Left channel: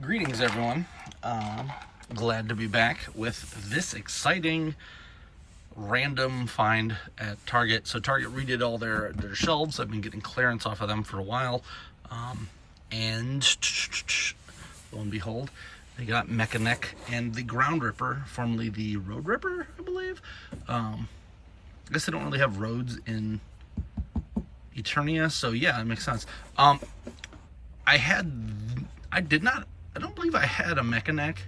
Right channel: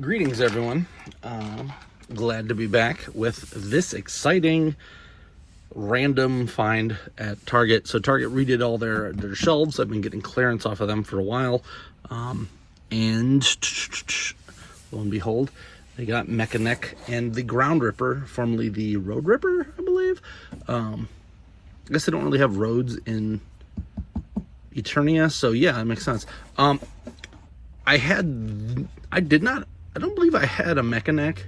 Greetings, everyone. Glad to be back with this exciting random find at Target. So Target redid all their shelves. I've been getting clearance off of them for a while. And lo and behold, they got MekaNek and the Ground Ripper, formerly the Road Ripper, I believe. I guess they don't really have roads in Eternia, so yeah, it makes sense. I don't believe I had a MekaNek.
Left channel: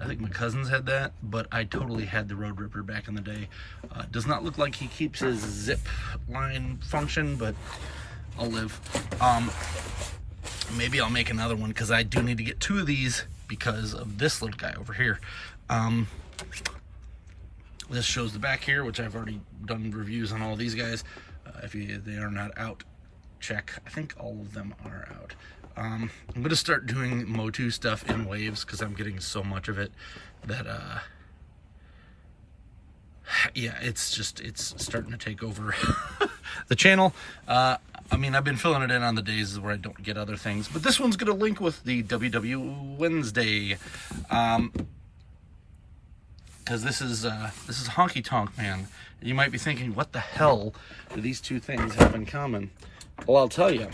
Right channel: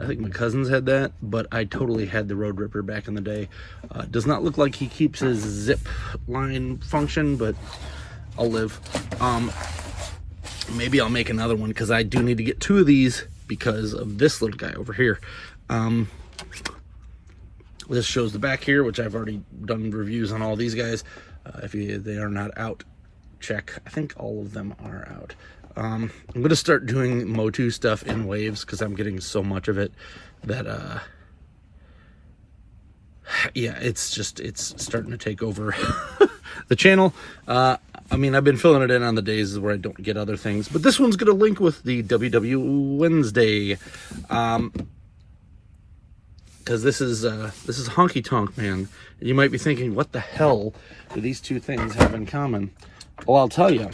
I think my cousins had that, but I totally had the Road Ripper back in the day. Does not look like he keeps his zip line function, but I'll live. Maybe I'll make another one, because I do need to get two of these because of this little guy over here. This shows the back here, which I've already done reviews on all these guys. If they are not out, check. I think all of them are out. I'm going to start doing MOTU stuff in waves, because I'm getting so much of it that, yeah, it's starting to take over the channel. I mean, I've been filling it in on the days where I don't get other things, but this one's going to link with the WW Wednesday, because this is Honky-Tonk Man. You might be thinking, what the hell do these two things have in common? Well, I'll tell you.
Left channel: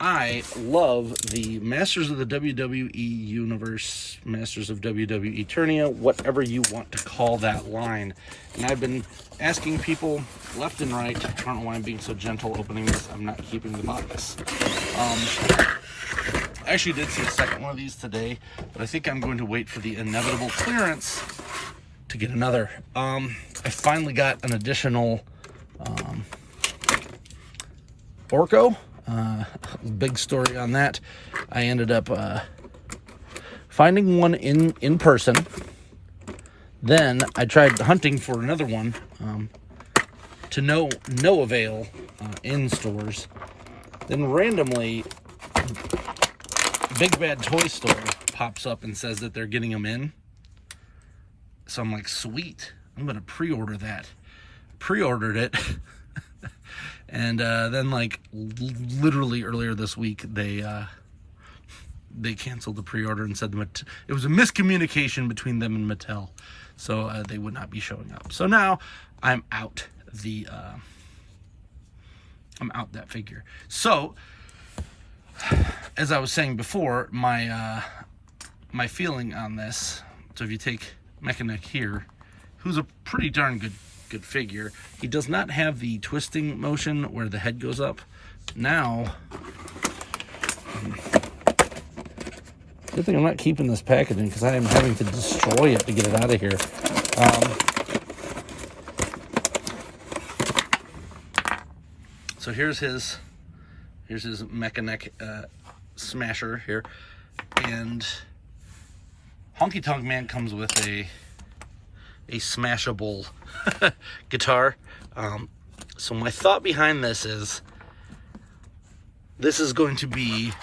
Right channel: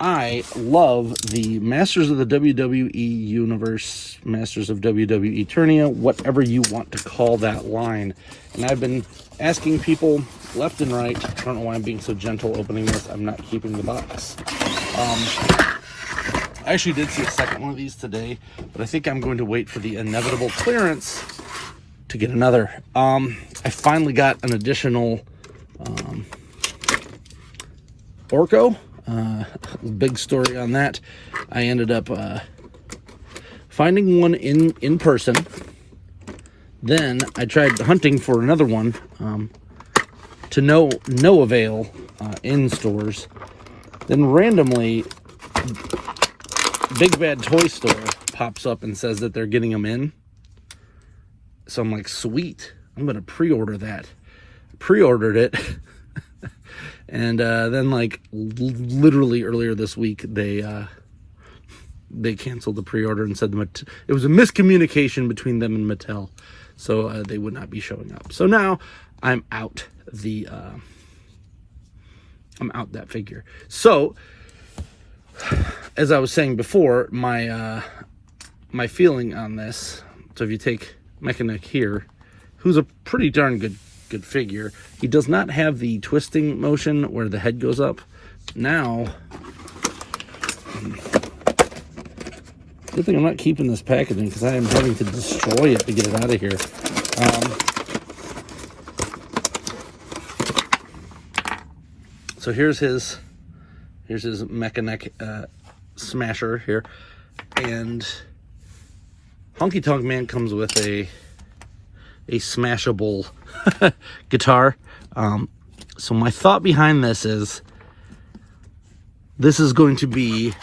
I love the Masters of the WWE Universe, Masters of WWEternia, whatever you want to call that line. And I've been asking people left and right. I don't know why I'm being so gentle opening this. I'm not keeping the box. I actually did see a second one of these today, but I think I'm going to wait for the inevitable clearance to get another. I finally got an additional Orko. Big story on that. I ended up finding one in person. Then I tried hunting for another one to no avail in stores. Then randomly, Big Bad Toy Store pops up and says that they're getting them in. So I'm like, sweet, I'm gonna pre-order that. Pre-ordered it. And then, like, literally earlier this week, they canceled the pre-order and said it was a miscommunication between them and Mattel, so they would not be showing up. So now I'm out that figure. So, as I was saying before, my feeling on this. So if you take MekaNek here, who's a pretty darn good figure. He does not have the twisting motion where the head goes up. Now, good thing I'm not keeping this packaging, because I am having to destroy it to get it out of here. So here's his MekaNek smasher here, and Honky-Tonk Man comes with a smashable guitar. So my thought behind this is going to be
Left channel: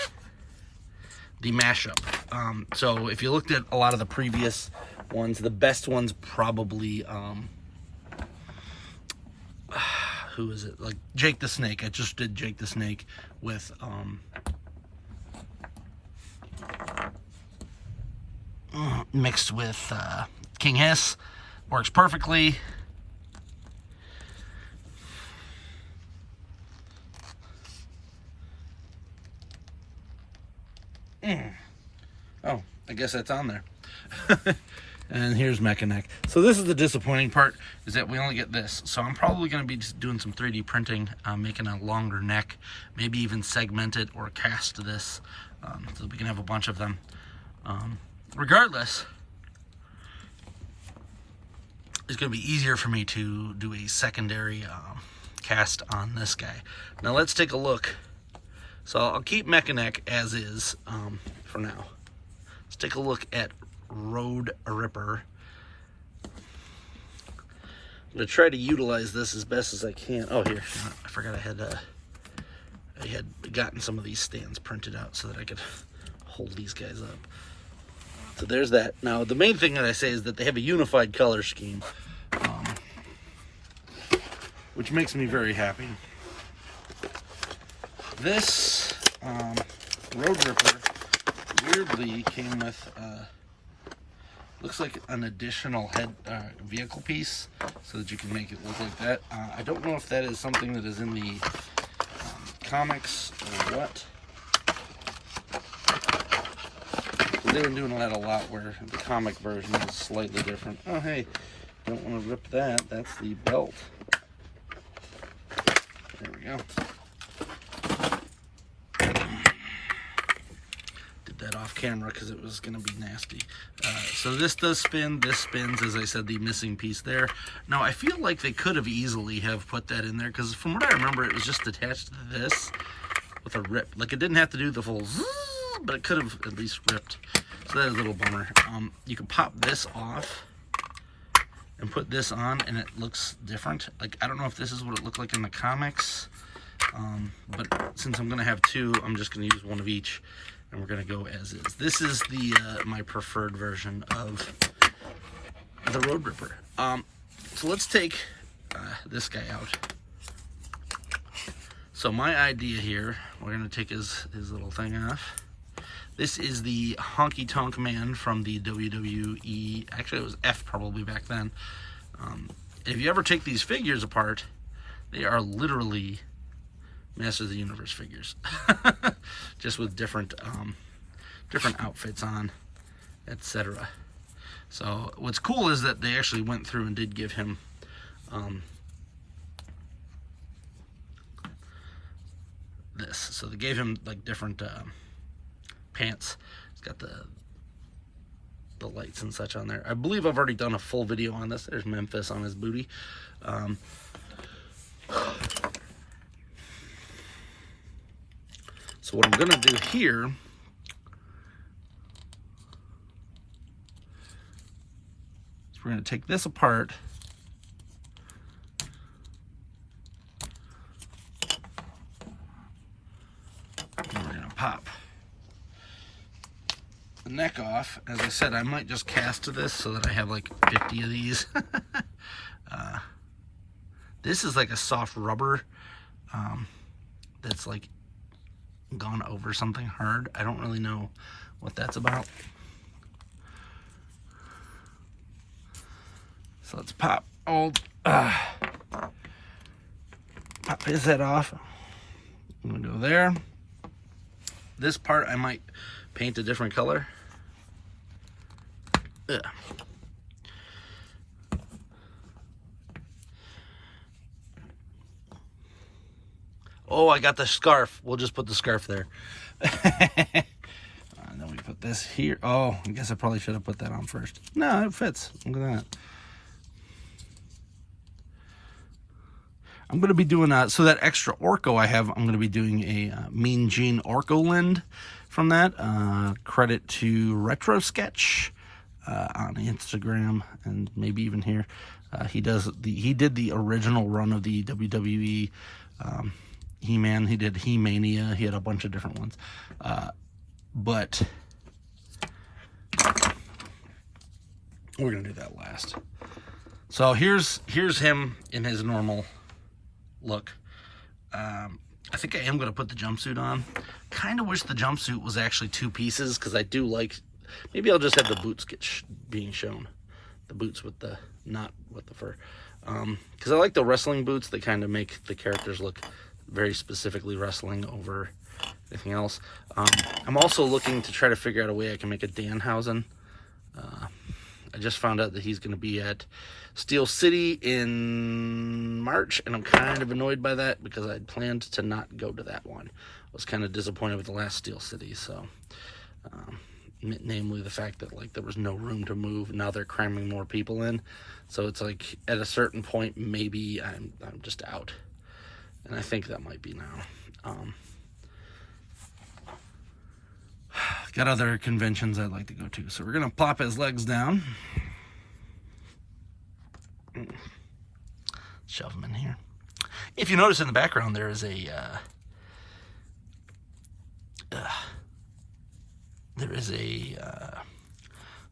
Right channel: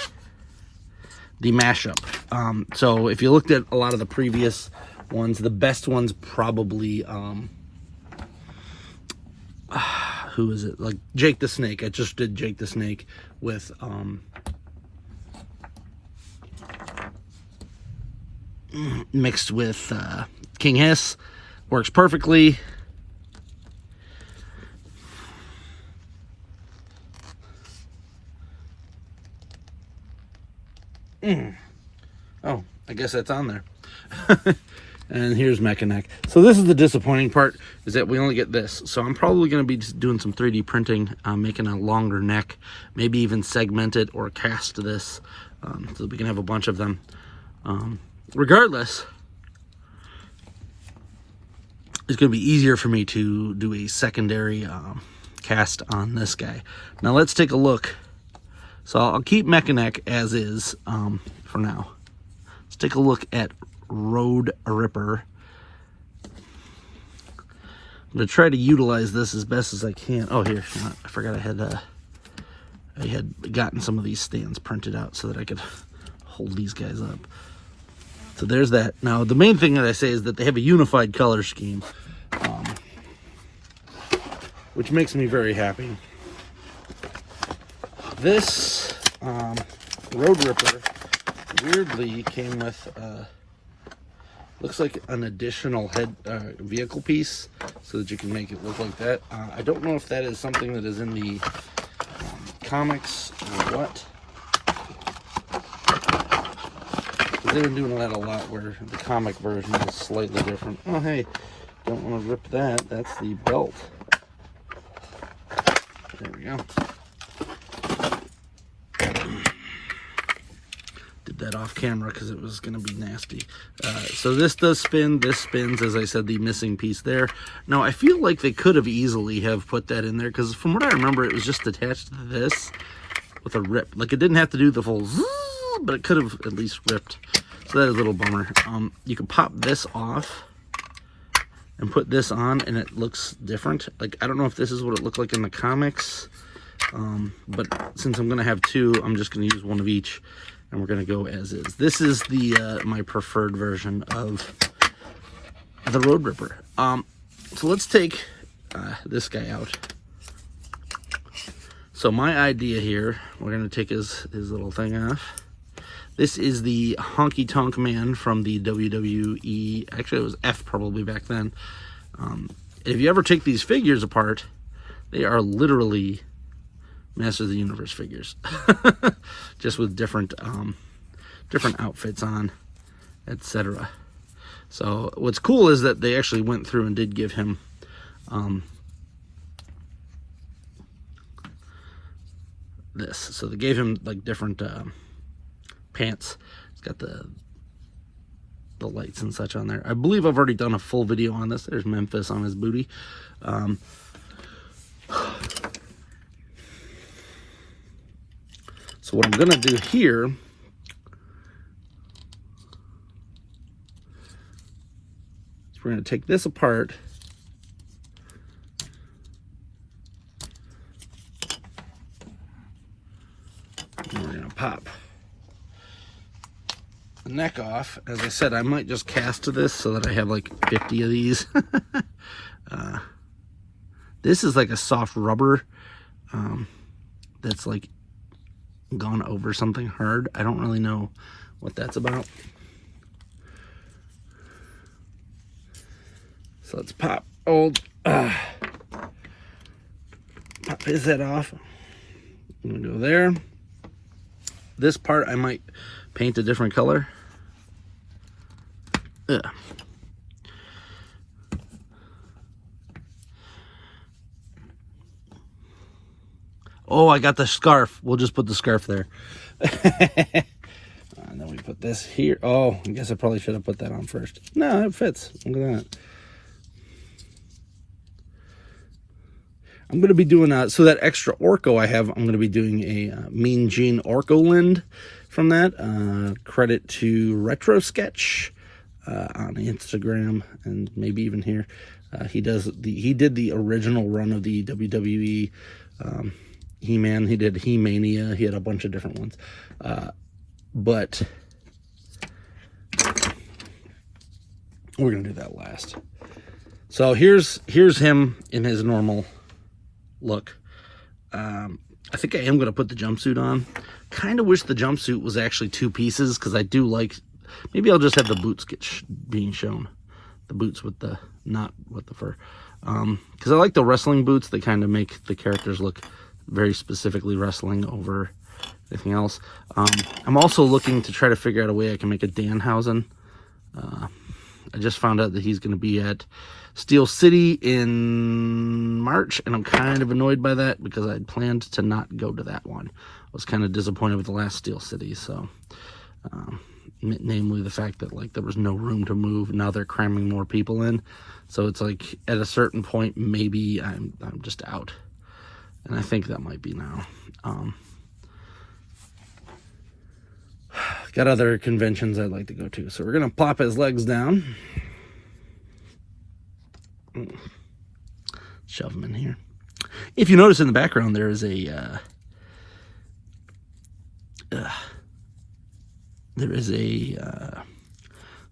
the mashup. So if you looked at a lot of the previous ones, the best ones probably who is it? Like Jake the Snake. I just did Jake the Snake with mixed with King Hiss. Works perfectly. Oh, I guess that's on there. And here's MekaNek. So this is the disappointing part, is that we only get this. So I'm probably going to be just doing some 3D printing, making a longer neck, maybe even segment it or cast this, so we can have a bunch of them. Regardless, it's going to be easier for me to do a secondary cast on this guy. Now let's take a look. So I'll keep MekaNek as is for now. Let's take a look at Road Ripper. I'm going to try to utilize this as best as I can. Oh, here, I forgot I had gotten some of these stands printed out so that I could hold these guys up. So there's that. Now, the main thing that I say is that they have a unified color scheme, which makes me very happy. This Road Ripper weirdly came with, looks like an additional head vehicle piece so that you can make it look like that. I don't know if that is something that is in the comics or what. They've been doing that a lot where the comic version is slightly different. Oh, hey, don't want to rip that. That's the belt. There we go. Did that off camera because it was going to be nasty. So this does spin. This spins, as I said, the missing piece there. Now, I feel like they could have easily have put that in there because from what I remember, it was just attached to this with a rip. Like, it didn't have to do the full zzz, but it could have at least ripped. So that is a little bummer. You can pop this off and put this on and it looks different. Like, I don't know if this is what it looked like in the comics, but since I'm gonna have two, I'm just gonna use one of each and we're gonna go as is. This is the my preferred version of the Road Ripper. So let's take this guy out. So my idea here, we're gonna take his little thing off. This is the Honky-Tonk Man from the WWE. Actually, it was F probably back then. If you ever take these figures apart, they are literally Masters of the Universe figures. Just with different outfits on, etc. So what's cool is that they actually went through and did give him this. So they gave him like different pants. It's got the lights and such on there. I believe I've already done a full video on this. There's Memphis on his booty. So what I'm gonna do here is we're gonna take this apart. And we're gonna pop the neck off. As I said, I might just cast this so that I have like 50 of these. This is like a soft rubber that's like gone over something hard. I don't really know what that's about. So let's pop his head off. I'm gonna go there. This part I might paint a different color. Ugh. Oh, I got the scarf. We'll just put the scarf there. And then we put this here. Oh, I guess I probably should have put that on first. No, it fits. Look at that. I'm going to be doing so that extra Orko I have, I'm going to be doing a Mean Gene Orko Lind from that. Credit to Retro Sketch on Instagram and maybe even here. He did the original run of the WWE He-Man. He did He-Mania. He had a bunch of different ones. But we're going to do that last. So here's him in his normal look. I think I am going to put the jumpsuit on. Kind of wish the jumpsuit was actually two pieces because I do like... Maybe I'll just have the boots being shown. The boots with the... not with the fur. Because I like the wrestling boots. They kind of make the characters look very specifically wrestling over anything else. I'm also looking to try to figure out a way I can make a Danhausen. I just found out that he's going to be at Steel City in March, and I'm kind of annoyed by that because I had planned to not go to that one. I was kind of disappointed with the last Steel City, so namely the fact that like there was no room to move. Now they're cramming more people in, so it's like at a certain point maybe I'm just out, and I think that might be now. Got other conventions I'd like to go to, so we're gonna plop his legs down. Shove him in here. If you notice in the background, there is a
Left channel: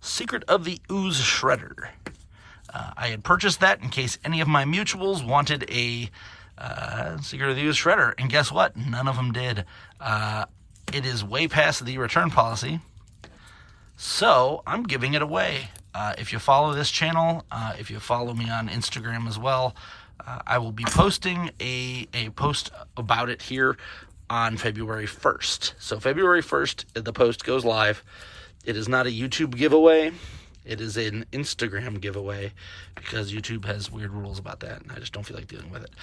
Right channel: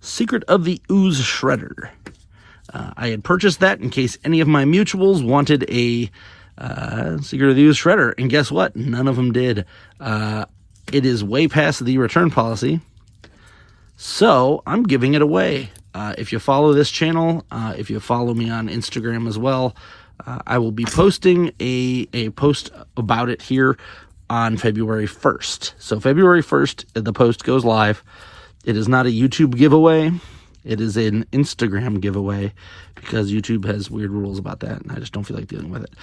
Secret of the Ooze Shredder. I had purchased that in case any of my mutuals wanted a Secret of the Ooze Shredder, and guess what? None of them did. It is way past the return policy, So I'm giving it away. If you follow this channel, if you follow me on Instagram as well, I will be posting a post about it here on February 1st. So February 1st, the post goes live. It is not a YouTube giveaway. It is an Instagram giveaway because YouTube has weird rules about that, and I just don't feel like dealing with it.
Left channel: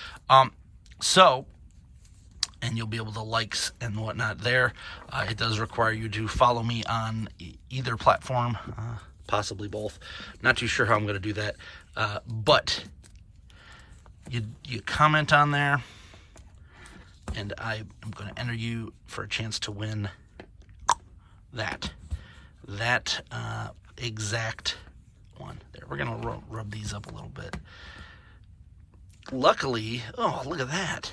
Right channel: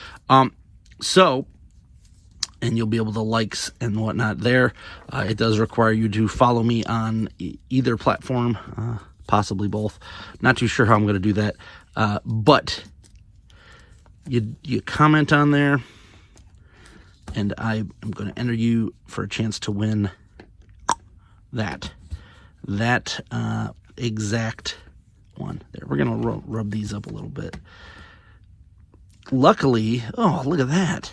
And you'll be able to likes and whatnot there. It does require you to follow me on either platform, possibly both. Not too sure how I'm going to do that, but you comment on there, and I am going to enter you for a chance to win that exact one. There, we're going to rub these up a little bit. Luckily, oh, look at that.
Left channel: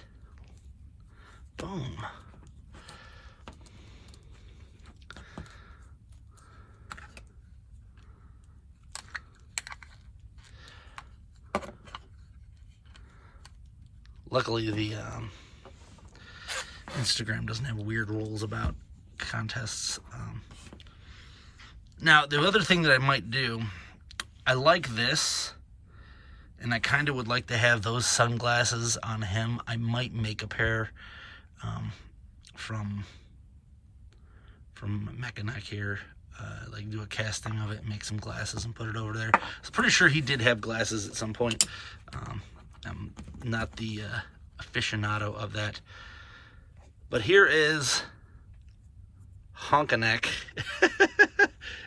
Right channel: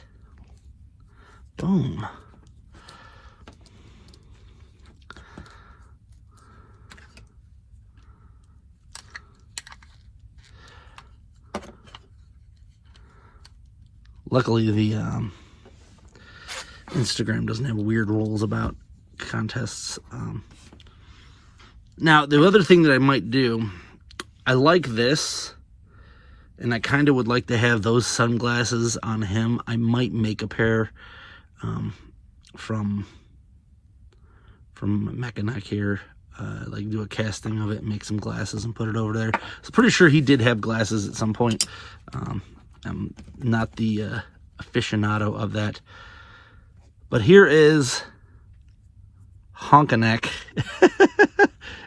Boom. Luckily, the Instagram doesn't have weird rules about contests. Now, the other thing that I might do, I like this, and I kind of would like to have those sunglasses on him. I might make a pair from MekaNek here, like do a casting of it, make some glasses and put it over there. I was pretty sure he did have glasses at some point. I'm not the aficionado of that, but here is Honk-a-nek,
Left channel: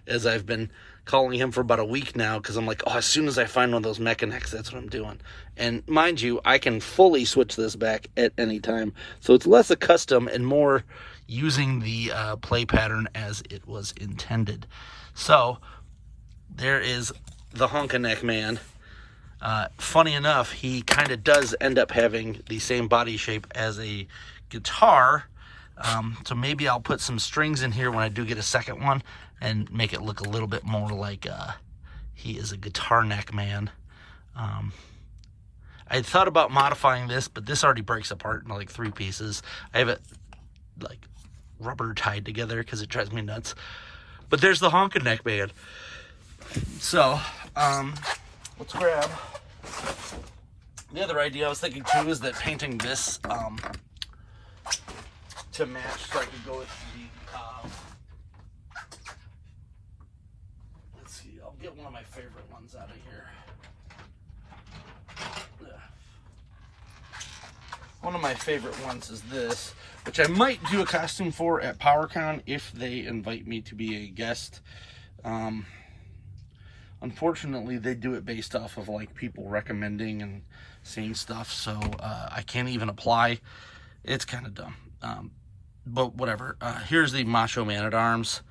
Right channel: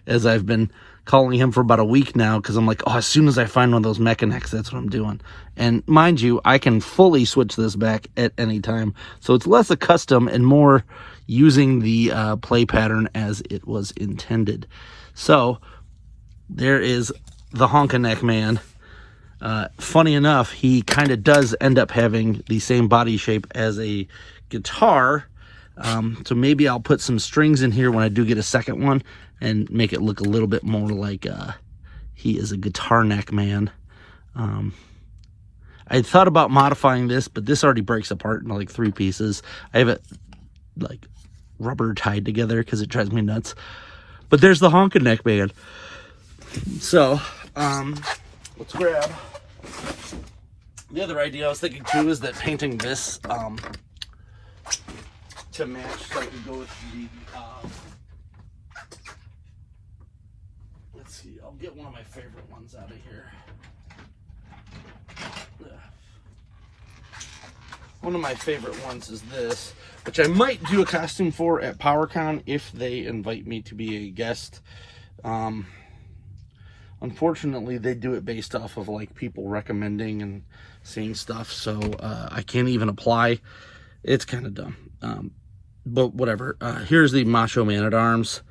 as I've been calling him for about a week now, because I'm like, oh, as soon as I find one of those MekaNeks, that's what I'm doing. And mind you, I can fully switch this back at any time, so it's less a custom and more using the play pattern as it was intended. So there is the Honk-a-nek man. Funny enough, he kind of does end up having the same body shape as a guitar, so maybe I'll put some strings in here when I do get a second one and make it look a little bit more like he is a guitar neck man. I thought about modifying this, but this already breaks apart into like 3 pieces. I have it like rubber tied together because it drives me nuts. But there's the Honk-a-nek man. So let's grab. The other idea I was thinking too is that painting this to match, so I could go with the let's see, I'll get one of my favorite ones out of here. One of my favorite ones is this, which I might do a costume for at PowerCon if they invite me to be a guest. Unfortunately, they do it based off of like people recommending and seeing stuff, so I can't even apply. It's kind of dumb, but whatever. Here's the Macho Man-at-Arms.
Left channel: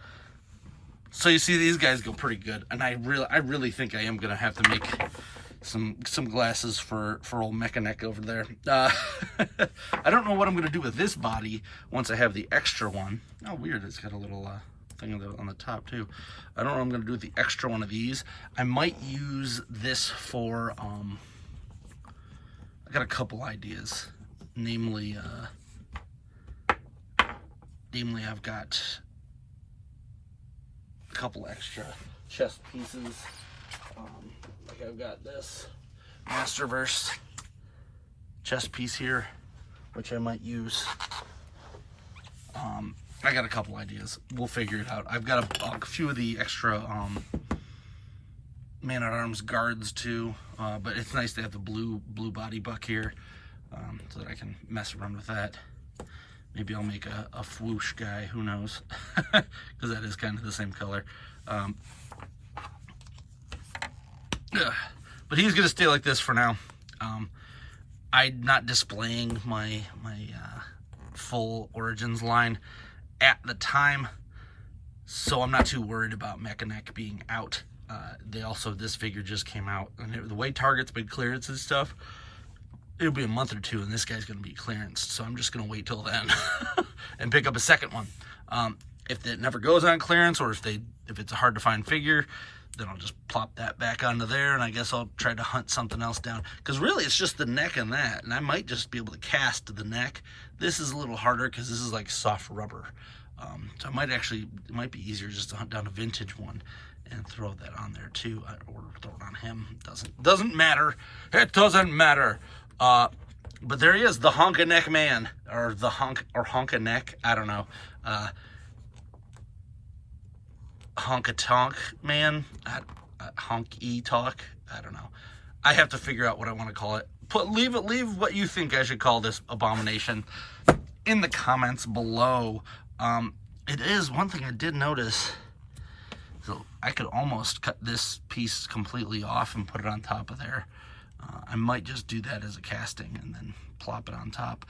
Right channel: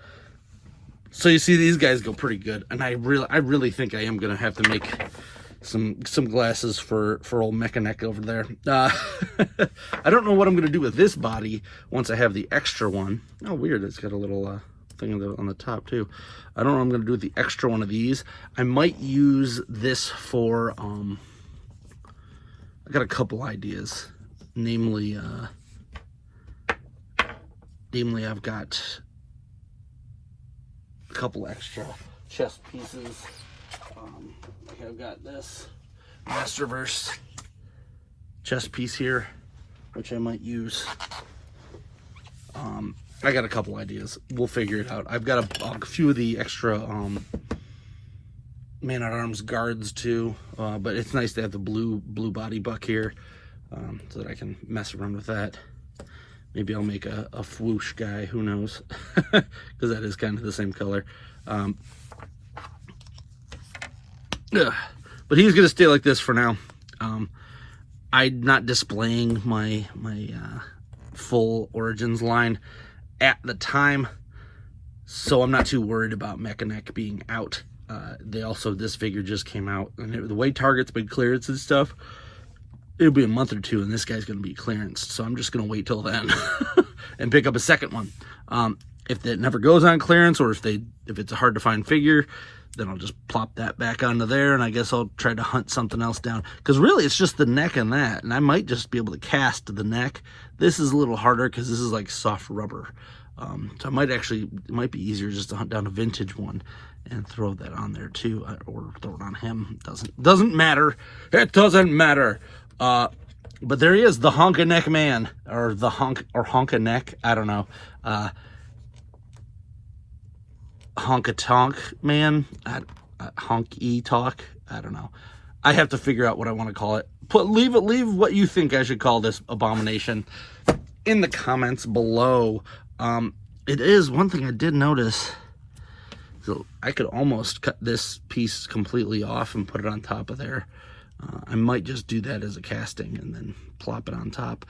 So you see, these guys go pretty good, and I really think I am gonna have to make some glasses for old MekaNek over there. I don't know what I'm gonna do with this body once I have the extra one. Oh, weird! It's got a little thing on the top too. I don't know what I'm gonna do with the extra one of these. I might use this for I got a couple ideas, namely I've got a couple extra chest pieces. I've got this Masterverse chest piece here, which I might use. I got a couple ideas. We'll figure it out. I've got a few of the extra Man-at-Arms guards too, but it's nice to have the blue body buck here, so that I can mess around with that. Maybe I'll make a swoosh guy, who knows, because that is kind of the same color. But he's gonna stay like this for now. I'm not displaying my full Origins line at the time, so I'm not too worried about MekaNek being out. This figure just came out, and the way Target's been clearance and stuff, it'll be a month or two, and this guy's gonna be clearanced, so I'm just gonna wait till then and pick up a second one. If it never goes on clearance, or if it's a hard to find figure, then I'll just plop that back onto there, and I guess I'll try to hunt something else down, because really it's just the neck and that, and I might just be able to cast the neck. This is a little harder because this is like soft rubber. So it might be easier just to hunt down a vintage one and throw that on there too, or throw it on him. Doesn't matter. It doesn't matter. But there he is, the Honk-a-nek man, or the Honk-a-nek. I don't know. Honkytonk man. Honky-talk. I don't know. I have to figure out what I want to call it. Leave what you think I should call this abomination in the comments below. It is one thing I did notice. So I could almost cut this piece completely off and put it on top of there. I might just do that as a casting and then plop it on top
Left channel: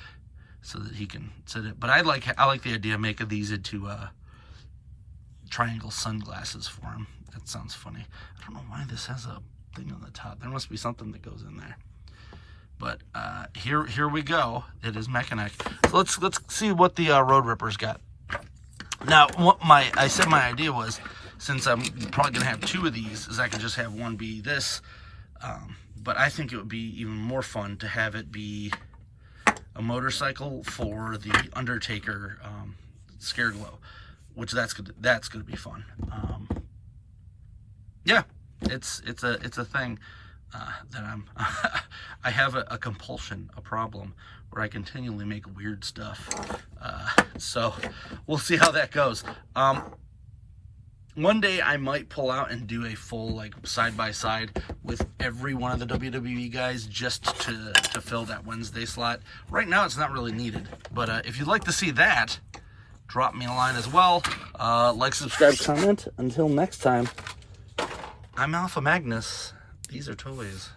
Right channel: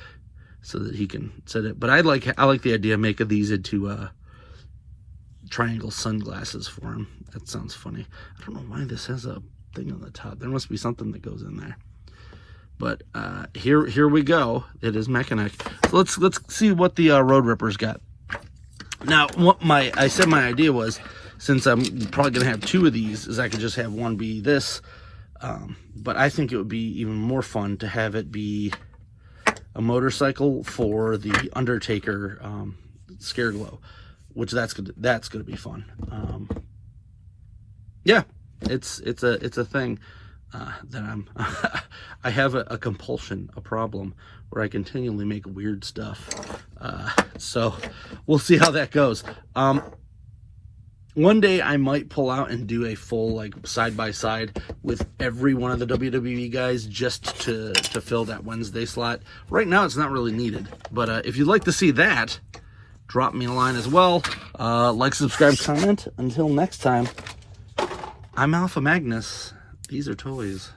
so that he can set it. But I like the idea of making these into triangle sunglasses for him. That sounds funny. I don't know why this has a thing on the top. There must be something that goes in there. But here we go. It is MekaNek. So let's see what the Road Ripper's got. Now, I said my idea was, since I'm probably gonna have two of these, is I could just have one be this. But I think it would be even more fun to have it be a motorcycle for the Undertaker Scare Glow, which that's gonna be fun. Yeah, it's a thing that I have a compulsion, a problem where I continually make weird stuff. So we'll see how that goes. One day I might pull out and do a full like side by side with every one of the WWE guys just to fill that Wednesday slot. Right now it's not really needed, but if you'd like to see that, drop me a line as well. Like, subscribe, comment. Until next time, I'm Alpha Magnus. These are toys.